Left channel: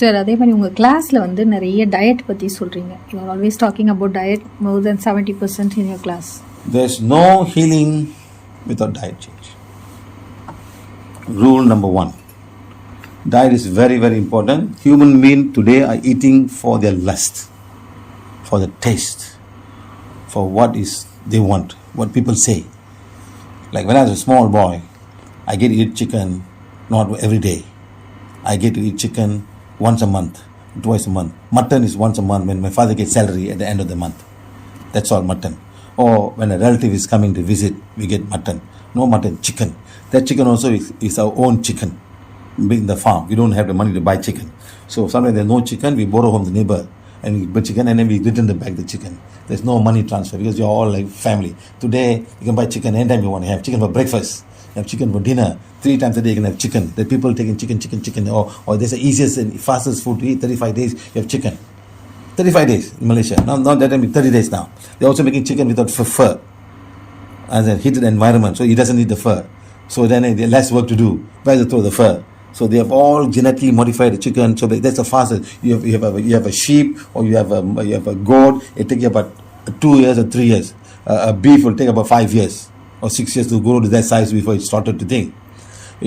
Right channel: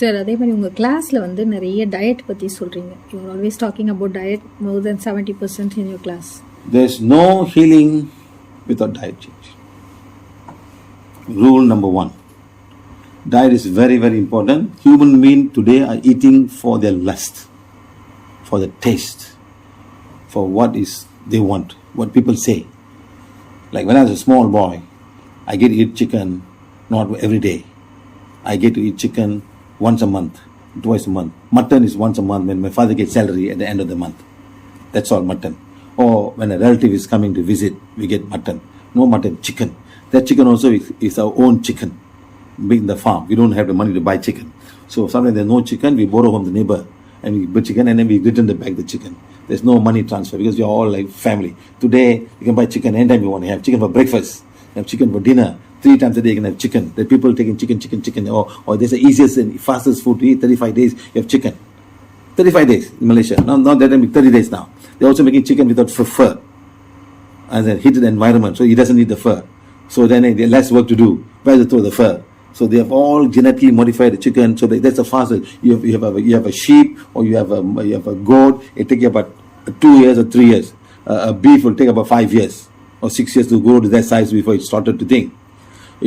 Sir, அதே மாதிரி உங்கள் கிளாஸில் வந்து நிறைய டயட் பற்றி சொல்கிறீங்க. You are always talking about diet more than 70% in your class. There's no healing without diet change. Rule number 1. Diet is very, very important. Human beings today are eating for their lust, for the taste, for what is they want, what people say. Like when I was a small boy, I get to eat chicken not every day. I get to eat chicken once a month, twice a month. Mutton is once a month when my father gets salary at the end of the month. That's all mutton. Or when a relative is coming to visit, we get mutton. No mutton, chicken. That chicken also is our own chicken. Being the farm, we don't have the money to buy chicken. So sometimes there's no chicken, we borrow from the neighbor and we buy chicken and then we return back the chicken. There's no money transfer because you're all like family. Today, you can buy chicken anytime you want. You have chicken for breakfast, you have chicken for dinner. 3 times a day you can have chicken. The people taking chicken. Or there's the easiest and fastest food to eat. 35 days, you have chicken. 35 days in Malaysia. Not that time, 30 days now. They're also making chicken without fur. As a heated environment, so he doesn't need the fur. So then there's less work to do. Where to throw the fur? So they have all genetically modified the chicken. So that's the fastest. You have a sheep or you have a goat. It takes you about 2 years or 3 years. A beef will take about 5 years or 6 years to grow to that size before it started to think.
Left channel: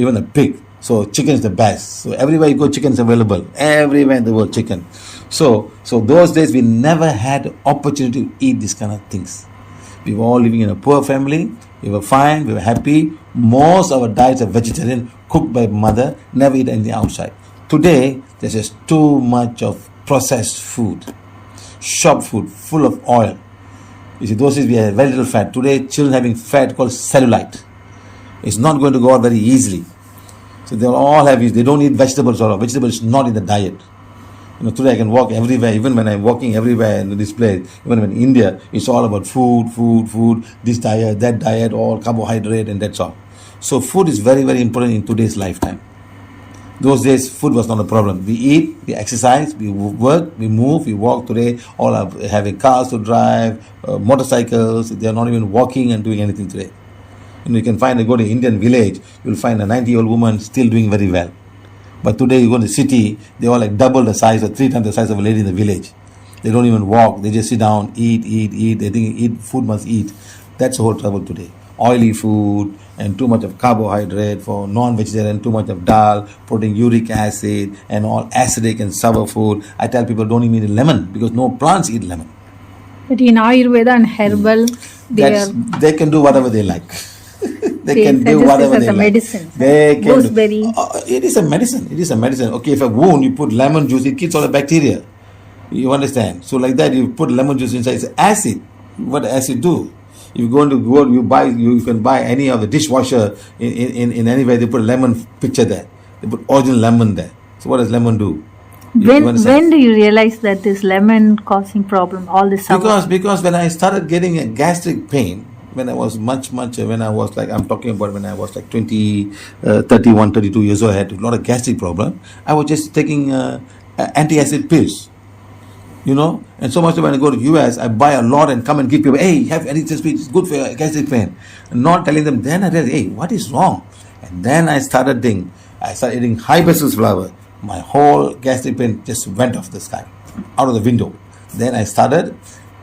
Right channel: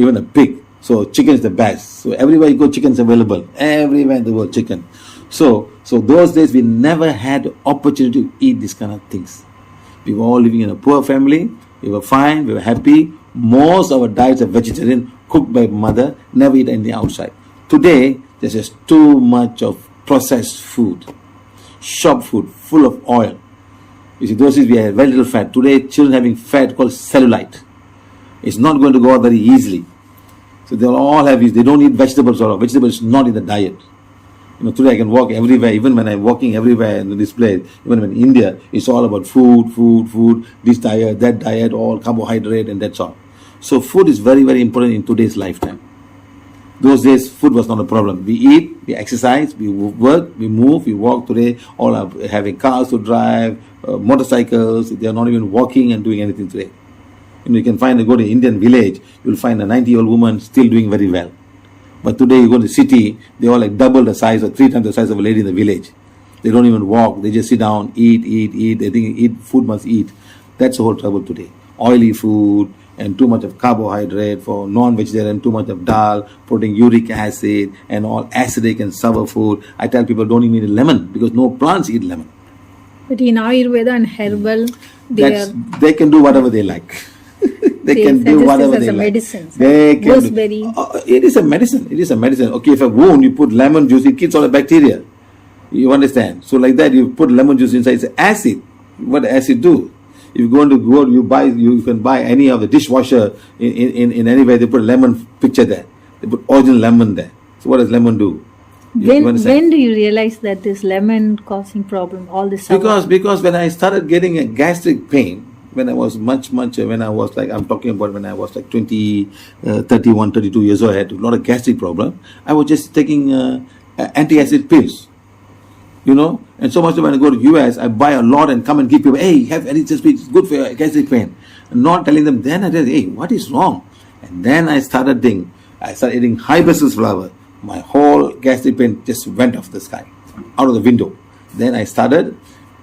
Even a pig. So chicken is the best. So everywhere you go, chicken is available. Everywhere in the world, chicken. So those days we never had the opportunity to eat these kind of things. We were all living in a poor family. We were fine. We were happy. Most of our diets are vegetarian, cooked by mother. Never eat anything outside. Today, there's just too much of processed food. Shop food, full of oil. You see, those days we had very little fat. Today, children having fat called cellulite. It's not going to go out very easily. So they all have it. They don't eat vegetables or vegetables is not in the diet. Today I can walk everywhere, even when I'm walking everywhere in this place, even in India, it's all about food, this diet, that diet, all carbohydrate and that's all. So food is very, very important in today's lifetime. Those days, food was not a problem. We eat, we exercise, we work, we move, we walk. Today, all are having cars to drive, motorcycles. They are not even walking and doing anything today. You can go to Indian village, you'll find a 90-year-old woman still doing very well. But today you go to the city, they all like double the size or 3 times the size of a lady in the village. They don't even walk, they just sit down, eat. They think food must eat. That's the whole trouble today. Oily food and too much of carbohydrate for non-vegetarian, too much of dal, putting uric acid and all acidic and sour food. I tell people don't even eat lemon because no plants eat lemon. But in Ayurveda and herbal, they can do whatever they like. They can do whatever they like. Medicine. Gooseberry. It is a medicine. It is a medicine. Okay, if a wound, you put lemon juice, it kills all the bacteria. You understand? So like that, you put lemon juice inside, it's acid. What does acid do? If you go into go, you can buy any of the dishwasher in anywhere, they put a lemon picture there. They put original lemon there. So what does lemon do? When do you realize that this lemon causing problem, all this sour? Because when I started getting a gastric pain, when I was much, when I was like, I'm talking about when I was like 31, 32 years old, I had a lot of gastric problem. I was just taking anti-acid pills, and so much when I go to US, I buy a lot and come and give people, hey, have anti-acid pills, it's good for your gastric pain. And not telling them, then I realized, hey, what is wrong? And then I started eating hibiscus flower. My whole gastric pain just went off the sky, out of the window. Then I started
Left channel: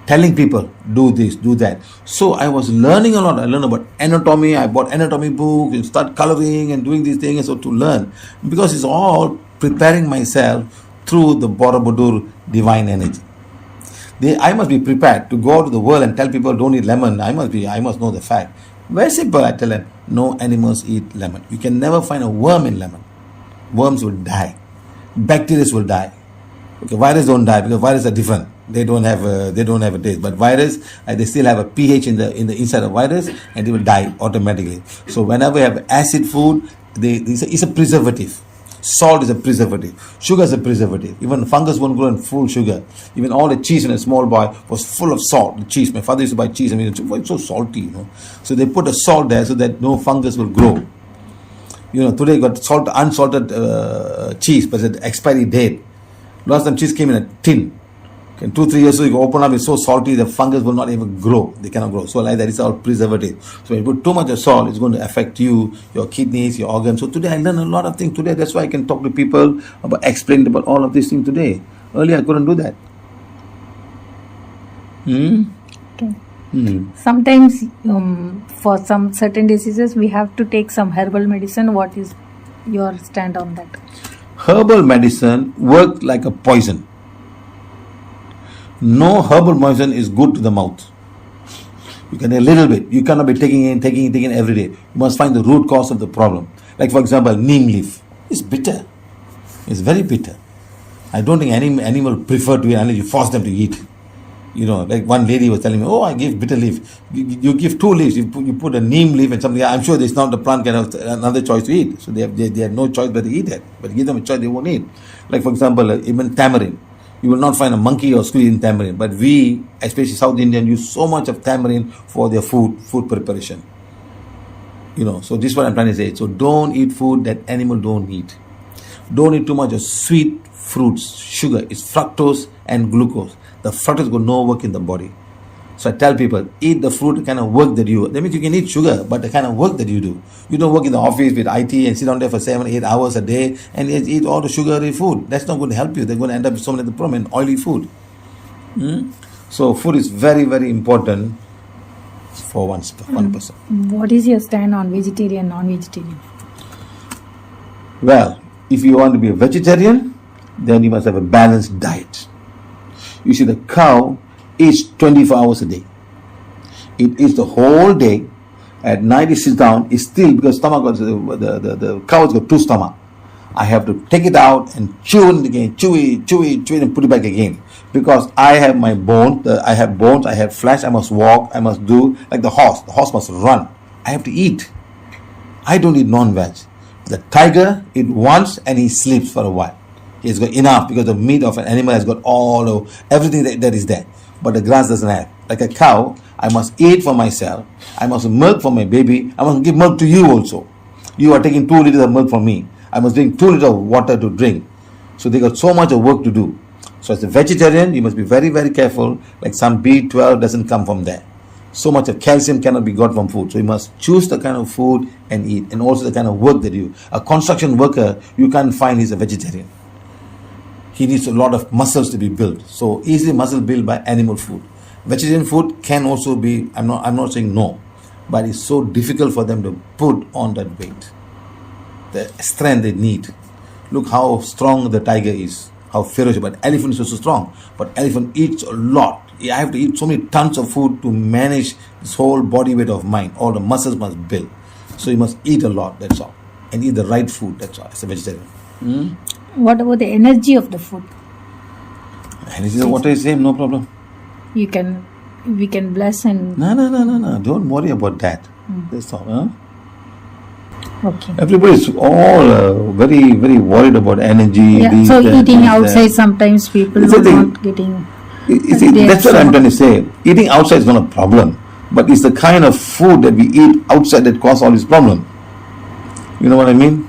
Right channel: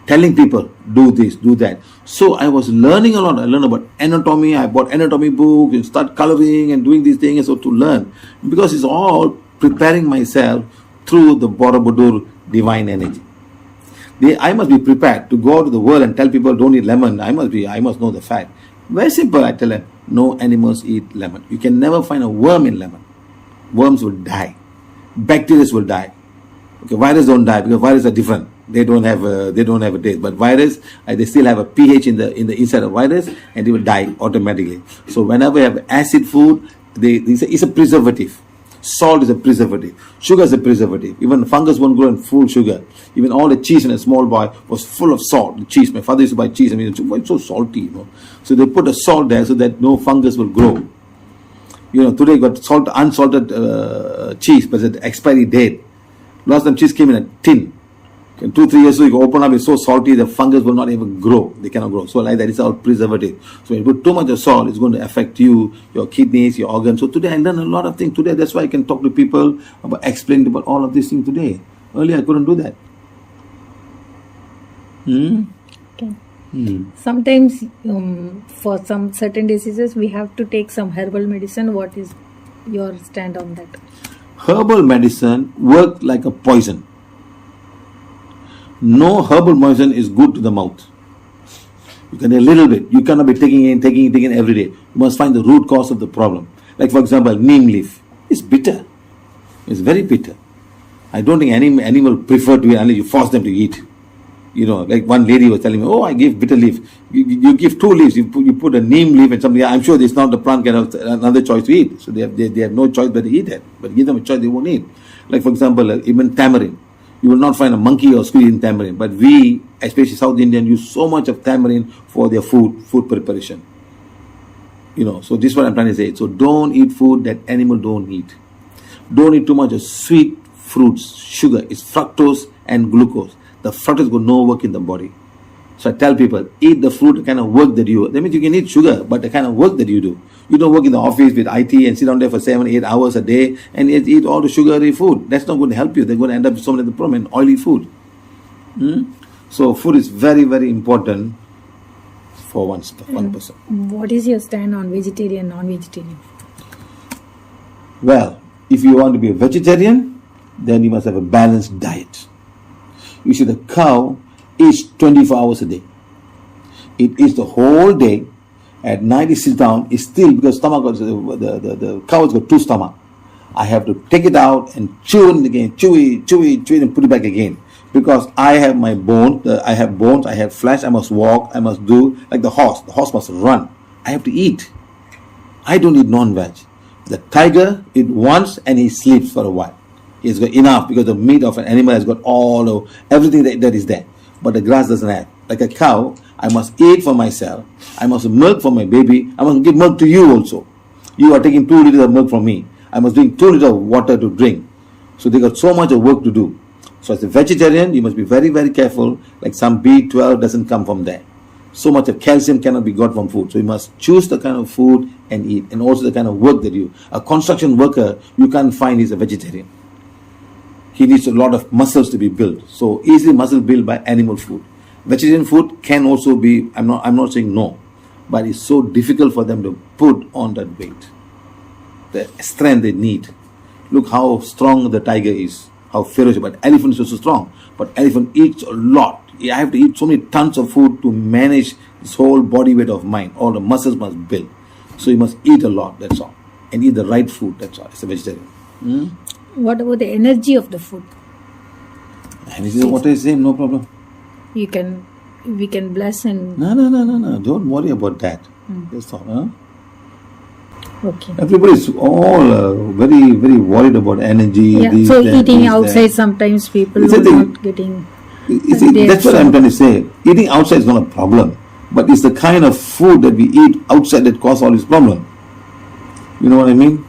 telling people, do this, do that. So I was learning a lot. I learned about anatomy. I bought anatomy books and start coloring and doing these things. So to learn, because it's all preparing myself through the Borobudur divine energy. I must be prepared to go out to the world and tell people don't eat lemon. I must know the fact. Very simple. I tell them, no animals eat lemon. You can never find a worm in lemon. Worms will die. Bacteria will die. Okay, virus don't die because viruses are different. They don't have a taste. But virus, they still have a pH in the inside of virus, and they will die automatically. So whenever you have acid food, it's a preservative. Salt is a preservative. Sugar is a preservative. Even fungus won't grow in full sugar. Even all the cheese in a small boy was full of salt. The cheese. My father used to buy cheese. It's so salty, So they put a salt there so that no fungus will grow. Today you got unsalted cheese, but it's expiry date. Last time cheese came in a tin. In 2-3 years, so you open up, it's so salty, the fungus will not even grow. They cannot grow. So like that is all preservative. So when you put too much of salt, it's going to affect you, your kidneys, your organs. So today I learned a lot of things. Today, that's why I can talk to people about explain about all of these things today. Earlier I couldn't do that. Okay. Sometimes for some certain diseases, we have to take some herbal medicine. What is your stand on that? Herbal medicine works like a poison. No herbal medicine is good to the mouth. You can a little bit. You cannot be taking in every day. You must find the root cause of the problem. Like for example, neem leaf. It's bitter. It's very bitter. I don't think any animal prefer to eat unless you force them to eat. You know, like one lady was telling me, oh, I give bitter leaf. You give 2 leaves. You put a neem leaf and something. I'm sure it's not the plant can have another choice to eat. So they have no choice but to eat that. But give them a choice, they won't eat. Like for example, even tamarind. You will not find a monkey or squirrel in tamarind. But we, especially South Indian, use so much of tamarind for their food preparation. You know, so this is what I'm trying to say. So don't eat food that animal don't eat. Don't eat too much of sweet fruits, sugar. It's fructose and glucose. The fructose got no work in the body. So I tell people, eat the fruit, the kind of work that you do. That means you can eat sugar, but the kind of work that you do. You don't work in the office with IT and sit down there for 7-8 hours a day and eat all the sugary food. That's not going to help you. They're going to end up with so many problems and oily food. So food is very, very important for one person. What is your stand on vegetarian, non-vegetarian? Well, if you want to be a vegetarian, then you must have a balanced diet. You see, the cow eats 24 hours a day. It eats the whole day. At night it sits down. It's still, because stomach, the cow's got 2 stomachs. I have to take it out and chew it again, chew it and put it back again. Because I have my bone, I have bones, I have flesh, I must walk, I must do, like the horse. The horse must run. I have to eat. I don't eat non-veg. The tiger eats once and he sleeps for a while. He's got enough because the meat of an animal has got all of everything that is there. But the grass doesn't have. Like a cow, I must eat for myself. I must milk for my baby. I must give milk to you also. You are taking 2 liters of milk from me. I must drink 2 liters of water to drink. So they got so much of work to do. So as a vegetarian, you must be very, very careful. Like some B12 doesn't come from there. So much of calcium cannot be got from food. So you must choose the kind of food and eat. And also the kind of work that you. A construction worker, you can't find he's a vegetarian. He needs a lot of muscles to be built. So easily muscle built by animal food. Vegetarian food can also be, I'm not saying no, but it's so difficult for them to put on that weight. The strength they need. Look how strong the tiger is, how ferocious. But elephant is also strong. But elephant eats a lot. I have to eat so many tons of food to manage this whole body weight of mine. All the muscles must build. So you must eat a lot, that's all. And eat the right food, that's all, as a vegetarian. What about the energy of the food? Energy of water is same, no problem. We can bless and... No. Don't worry about that. That's all. Huh? Okay. Everybody is all very, very worried about energy. Yeah. So eating outside, sometimes people are not getting... That's what I'm trying to say. Eating outside is not a problem. But it's the kind of food that we eat outside that causes all this problem. You know what I mean?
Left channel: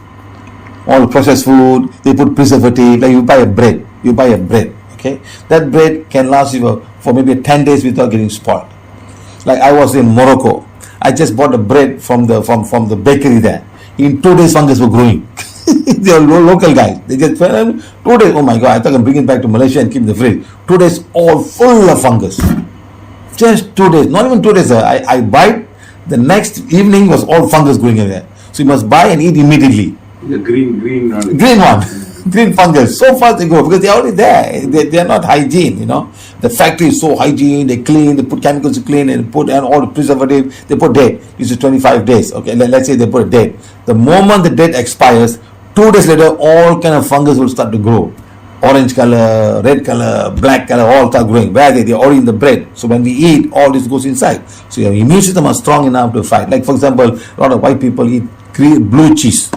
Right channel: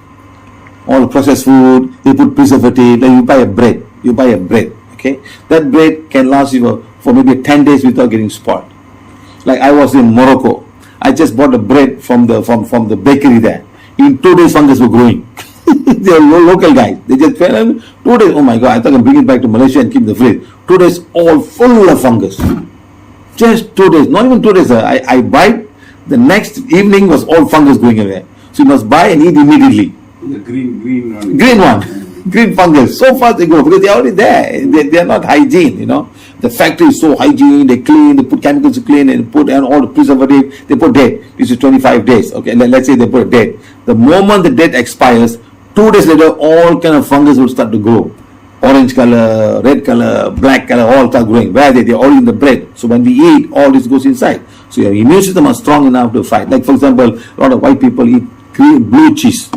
All the processed food, they put preservative. Like you buy a bread, okay? That bread can last you for maybe 10 days without getting spoiled. Like I was in Morocco. I just bought the bread from the bakery there. In 2 days, fungus were growing. They are local guys. They just fell in 2 days. Oh my God, I thought I'd bring it back to Malaysia and keep in the fridge. 2 days, all full of fungus. Just 2 days, not even 2 days. I bite, the next evening was all fungus going in there. So you must buy and eat immediately. The green one. Green one. Green fungus. So fast they go because they're already there. They're not hygiene, you know. The factory is so hygiene, they clean, they put chemicals to clean and put and all the preservative, they put date. This is 25 days. Okay, let's say they put a date. The moment the date expires, 2 days later, all kind of fungus will start to grow. Orange color, red color, black color, all start growing. Where are they? They're all in the bread. So when we eat, all this goes inside. So your immune system is strong enough to fight. Like for example, a lot of white people eat blue cheese.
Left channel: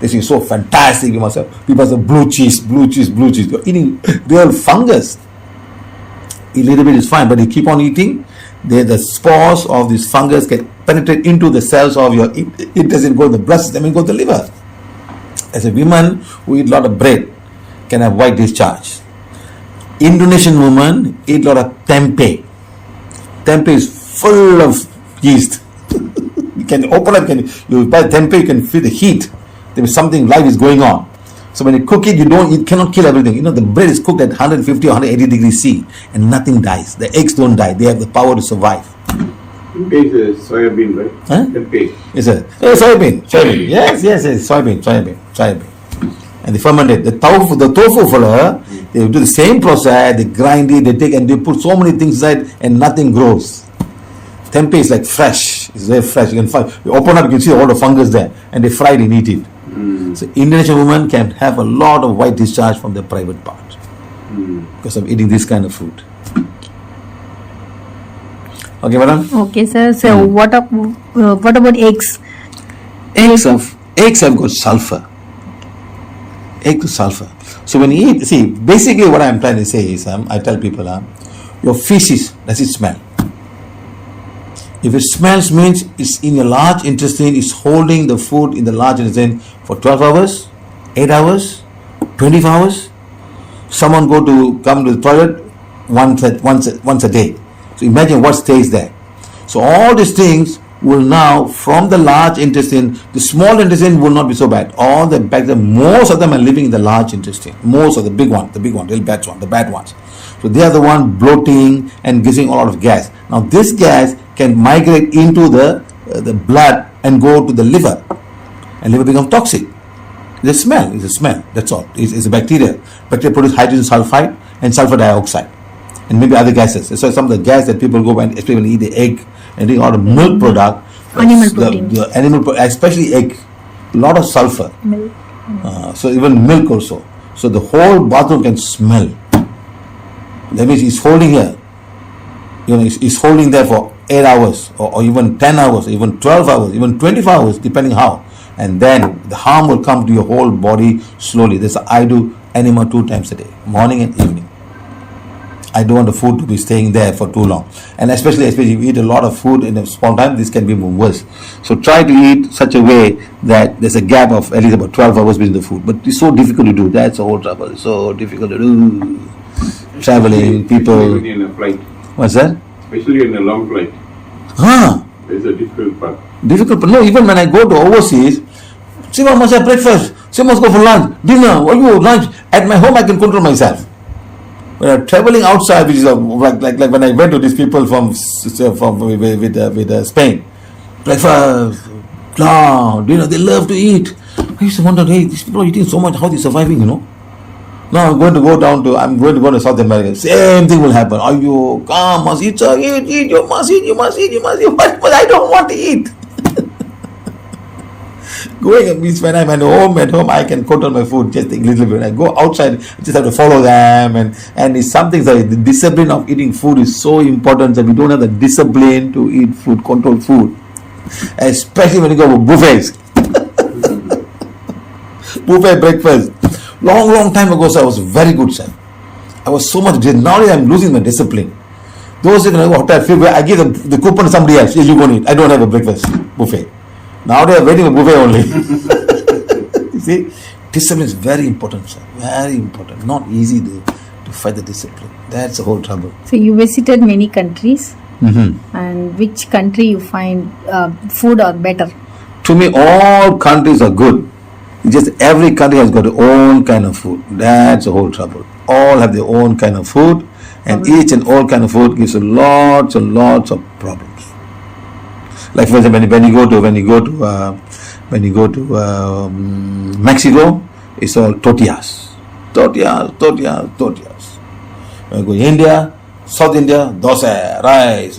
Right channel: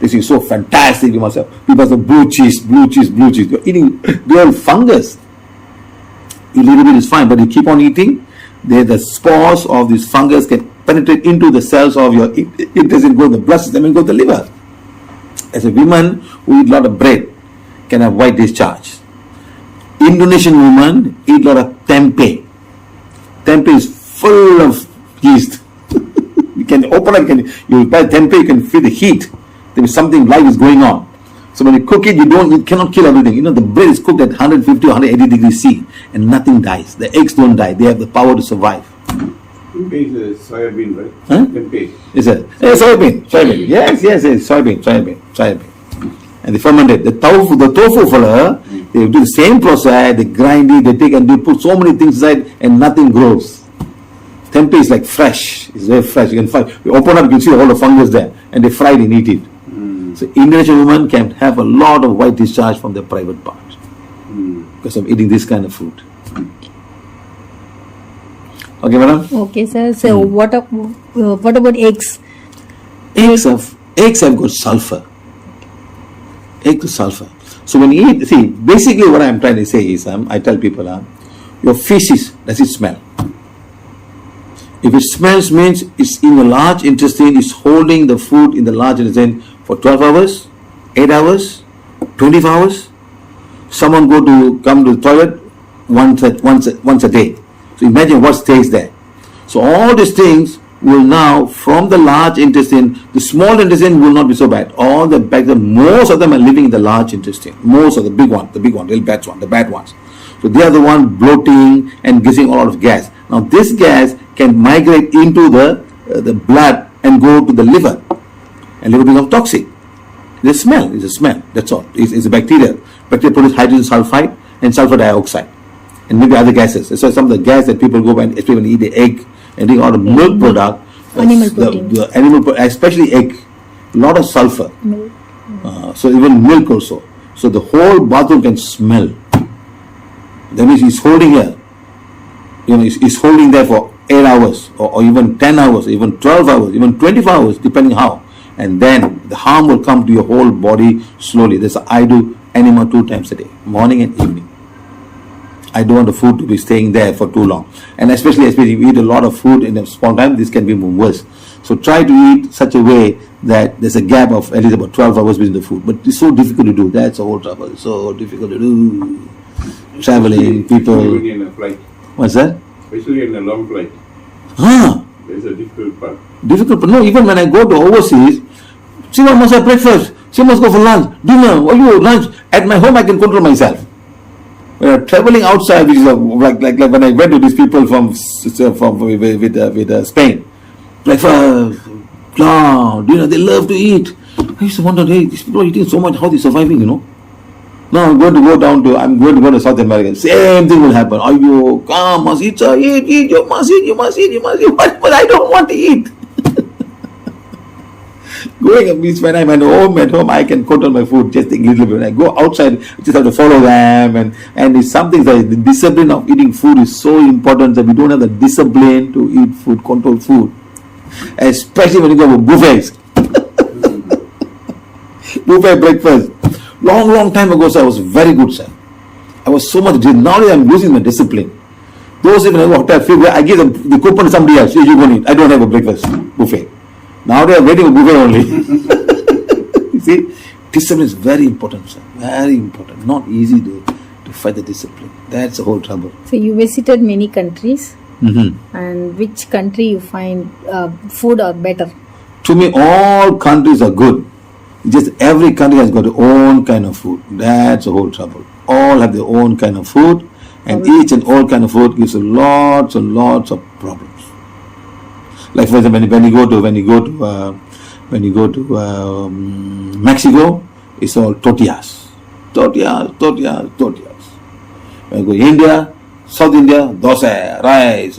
This is so fantastic. You must have blue cheese. You're eating real fungus. A little bit is fine, but you keep on eating, the spores of this fungus get penetrate into the cells of your. It doesn't go in the blood system, it goes to the liver. As a woman who eat a lot of bread, can have white discharge. Indonesian women eat a lot of tempeh. Tempeh is full of yeast. You can open up, you buy tempeh, you can feel the heat. There is something, life is going on. So when you cook it, you cannot kill everything. You know, the bread is cooked at 150 or 180 degrees C and nothing dies. The eggs don't die. They have the power to survive. Tempeh is soya bean, right? Huh? Tempeh. Is it? Yeah, soybean. Yes, soybean. And they ferment it. The tofu fella, they do the same process, they grind it, they take and they put so many things inside and nothing grows. Tempeh is like fresh. It's very fresh. You open up, you can see all the fungus there, and they fry it and eat it. So Indonesian women can have a lot of white discharge from their private parts because of eating this kind of food. Okay, madam? Okay, sir. So what about eggs? Eggs have got sulfur. Egg to sulfur. So when you eat, see, basically what I'm trying to say is, I tell people, your feces, does it smell? If it smells, means it's in the large intestine, it's holding the food in the large intestine for 12 hours, 8 hours, 24 hours. Someone come to the toilet once a day. So imagine what stays there. So all these things will now, from the large intestine, the small intestine will not be so bad. All the bacteria, most of them are living in the large intestine. Most of the big one, little bad one, the bad ones. So they are the one bloating and giving a lot of gas. Now this gas can migrate into the blood and go to the liver, and liver becomes toxic. The smell is a smell. That's all. It's a bacteria. Bacteria produce hydrogen sulfide and sulfur dioxide, and maybe other gases. So some of the gas that people go and especially when they eat the egg and eat all the milk product, Animal protein. the animal, especially egg, a lot of sulfur. Milk. So even milk also. So the whole bathroom can smell. That means he's holding here. You know, he's holding there for 8 hours, or even 10 hours, even 12 hours, even 24 hours, depending how. And then the harm will come to your whole body slowly. I do enema 2 times a day, morning and evening. I don't want the food to be staying there for too long. And especially if you eat a lot of food in a small time, this can be worse. So try to eat such a way that there's a gap of at least about 12 hours between the food. But it's so difficult to do. That's the whole trouble. It's so difficult to do. Traveling, people. Especially in a flight. What's that? Especially in a long flight. Huh? There's a difficult part. Difficult, but no, even when I go to overseas, SIVA must have breakfast, SIVA must go for lunch, dinner, lunch. At my home, I can control myself. When I'm traveling outside, which is like when I went to these people from Spain, breakfast, dinner, they love to eat. I used to wonder, hey, these people are eating so much, how are they surviving, Now I'm going to go to South America. Same thing will happen. You come, must eat, you must eat. But I don't want to eat. Going means when I'm at home I can control my food just easily. When I go outside, I just have to follow them, and it's something like the discipline of eating food is so important that we don't have the discipline to eat food, control food, especially when you go for buffets. Buffet breakfast. Long time ago, sir, I was very good, sir. I was so much good. Now I'm losing my discipline. Those in a hotel, I give them the coupon to somebody else. Hey, you go and eat. I don't have a breakfast buffet. Now they're waiting a buffet only. You see, discipline is very important, sir. Very important. Not easy to fight the discipline. That's the whole trouble. So you visited many countries, Mm-hmm. and which country you find food are better? To me, all countries are good. Just every country has got their own kind of food. That's the whole trouble. All have their own kind of food, and each and all kind of food gives lots and lots of problems. Like for example, when you go to Mexico, it's all tortillas. When you go to India, South India, dosa, rice,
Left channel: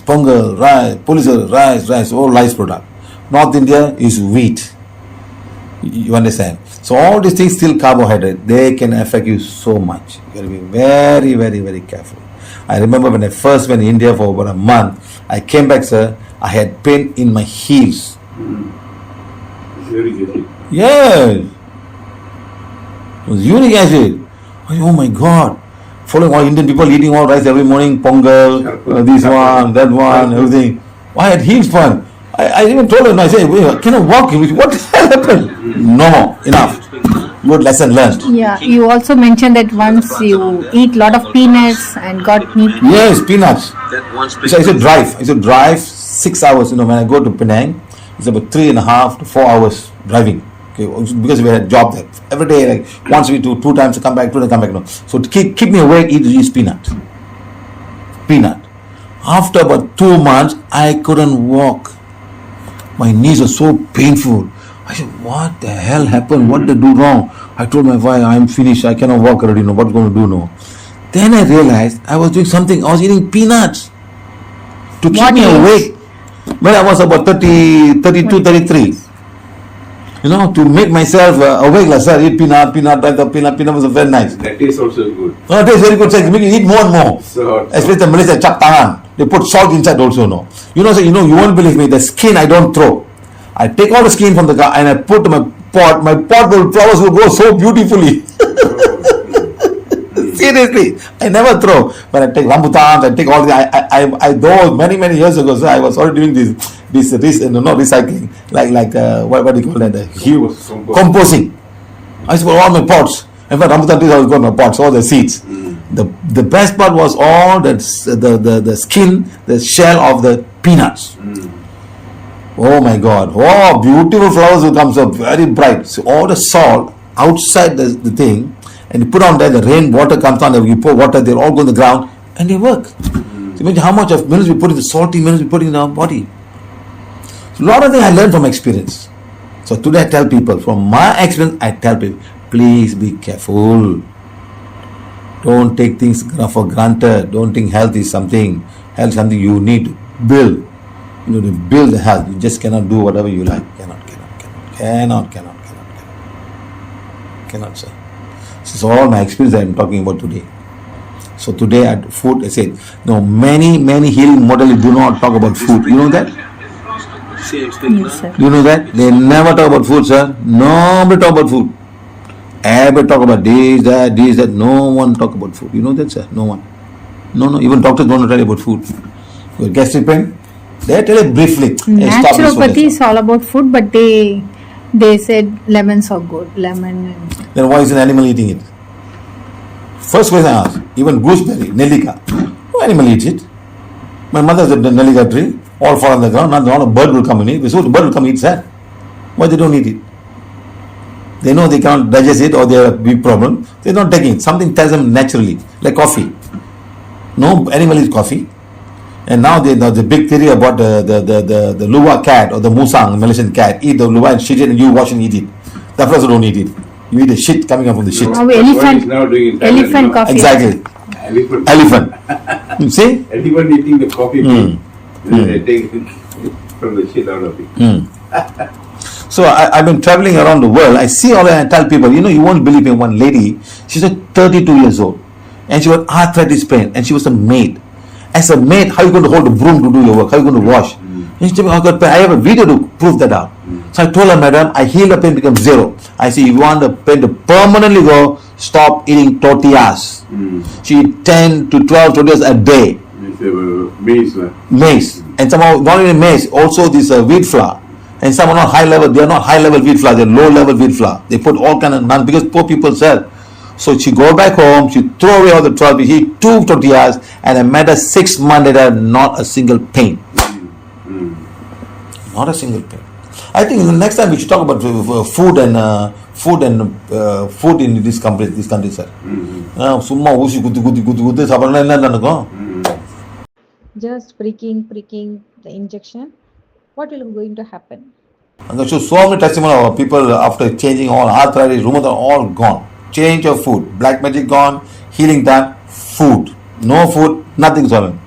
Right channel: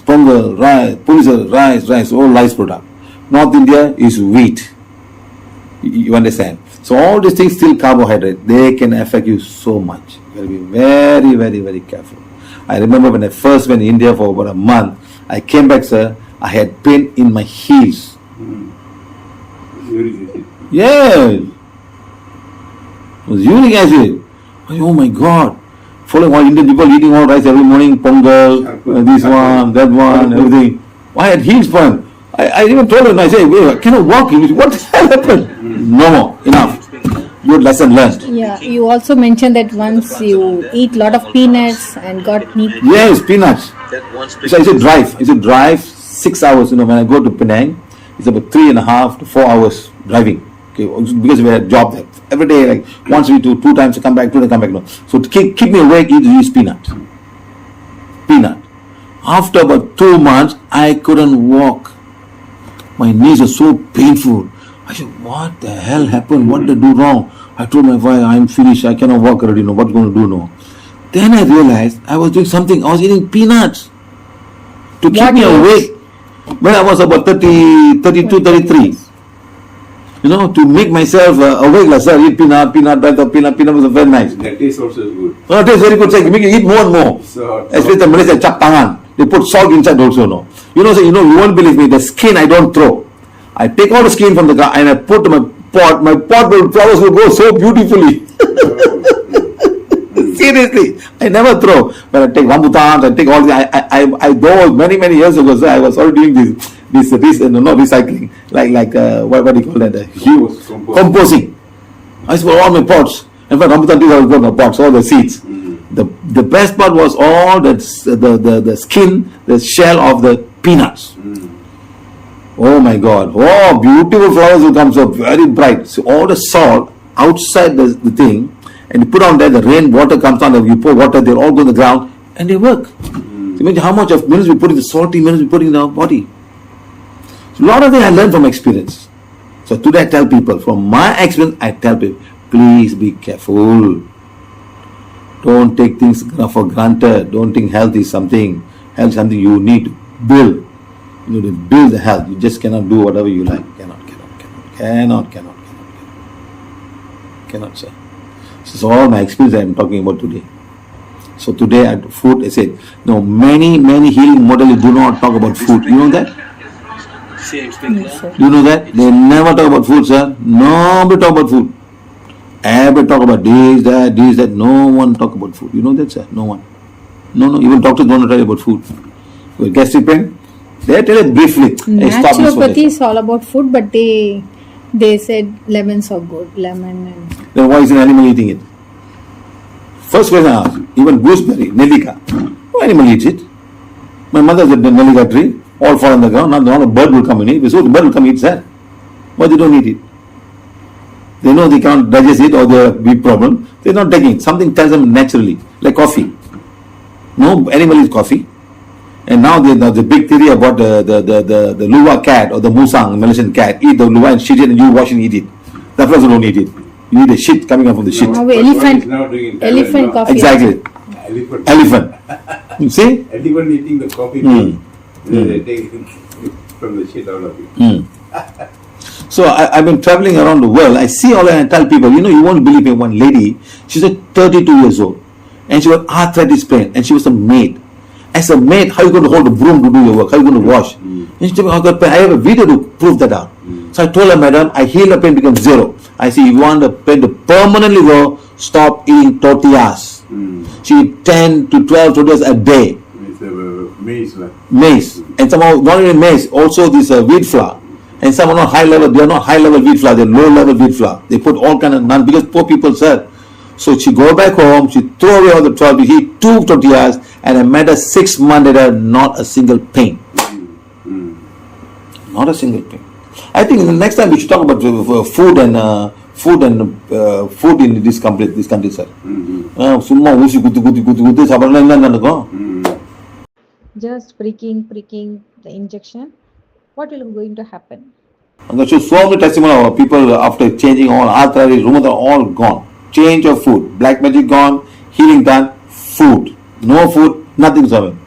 pongal, rice, pulisar, rice, all rice product. North India is wheat. You understand? So all these things still carbohydrate. They can affect you so much. You got to be very, very, very careful. I remember when I first went to India for about a month, I came back, sir, I had pain in my heels. It's very good. Yes. It was uric acid. Oh my God. Following all Indian people eating all rice every morning, pongal, this one, that one, everything. I had heels pain. I even told him, I said, wait, I cannot walk. What happened? No more, enough. Good lesson learned. Yeah, you also mentioned that once you eat lot of peanuts and got knee. Yes, peanuts. So I used to drive 6 hours. When I go to Penang, it's about 3.5 to 4 hours driving. Okay, because we had a job there. Every day, like once a week, two times to come back, 2 times to come back. No. So to keep me awake, eat peanut. After about 2 months, I couldn't walk. My knees were so painful. I said, what the hell happened? What did I do wrong? I told my wife, I'm finished. I cannot walk already. No, what's going to do now? Then I realized I was doing something. I was eating peanuts to keep me awake. When I was about 32, 33. To make myself awake, sir, eat peanut was very nice. That taste also good. No, it tastes very good, sir. Make you eat more and more. So, especially the Malaysia chap tangan. They put salt inside also, no. You won't believe me, the skin I don't throw. I take all the skin from the ground and I put my pot. My pot will flowers will grow so beautifully. Seriously, I never throw. When I take rambutans, I take all the. I though many years ago, so I was already doing this not recycling, like what do you call that? Composing. I used to put all my pots. In fact, rambutan trees I was growing my pots, all the seeds. The best part was all the skin, the shell of the peanuts. Oh my God! Oh, beautiful flowers will come so very bright. So all the salt outside the thing, and you put on there, the rain water comes down, you pour water, they all go on the ground, and they work. So imagine how much of minerals we put in the salty minerals we put in our body. So a lot of things I learned from experience. So today I tell people, from my experience, I tell people, please be careful. Don't take things for granted. Don't think health is something you need to build. You need to build the health. You just cannot do whatever you like. Cannot say. This is all my experience I am talking about today. So today at food, I said, many healing models do not talk about food. You know that? Yes, sir. Do you know that? They never talk about food, sir. Nobody talk about food. Everybody talk about this, that. No one talk about food. You know that, sir? No one. No. Even doctors don't tell you about food. Your gastric pain, they tell it briefly. Naturopathy is all about food, but they said lemons are good. Lemon and. Then why is an animal eating it? First question I asked, even gooseberry, nellika. No animal eats it. My mother said the nellika tree, all fall on the ground, not a bird will come and eat. So the bird will come and eat that. Why they don't eat it? They know they can't digest it or they have a big problem. They're not taking it. Something tells them naturally, like coffee. No animal eats coffee. And now the big theory about the luwak cat or the musang, the Malaysian cat, eat the luwak and shit it and you wash and eat it. That also don't eat it. You eat the shit coming up from the shit. Now What is elephant now doing in Thailand elephant now? coffee. Exactly. Elephant. You see? Elephant eating the coffee bean. Then they take from the shit out of it. So I've been traveling around the world. I see all that and I tell people, you won't believe me, one lady, she's like 32 years old and she was arthritis pain and she was a maid. As a maid, how are you going to hold the broom to do your work? How are you going to wash? And she told me, I have a video to prove that out. So I told her, madam, I heal the pain becomes zero. I say, you want the pain to permanently go, stop eating tortillas. She eat 10 to 12 tortillas a day. Maize. And somehow, not only maize, also this wheat flour. And some are not high level, they are not high level wheat flour, they are low level wheat flour. They put all kind of none because poor people sell. So she go back home, she throw away all the 12, she eat 2 tortillas, and I met her 6 months later, not a single pain. Not a single pain. I think the next time we should talk about food in this country, sir. Summa usi kutu sabar Just pricking the injection. What will going to happen? And there shows so many testimonies of people after changing all arthritis, rheumatoid, all gone. Change of food, black magic gone, healing done, food. No food, nothing is happening.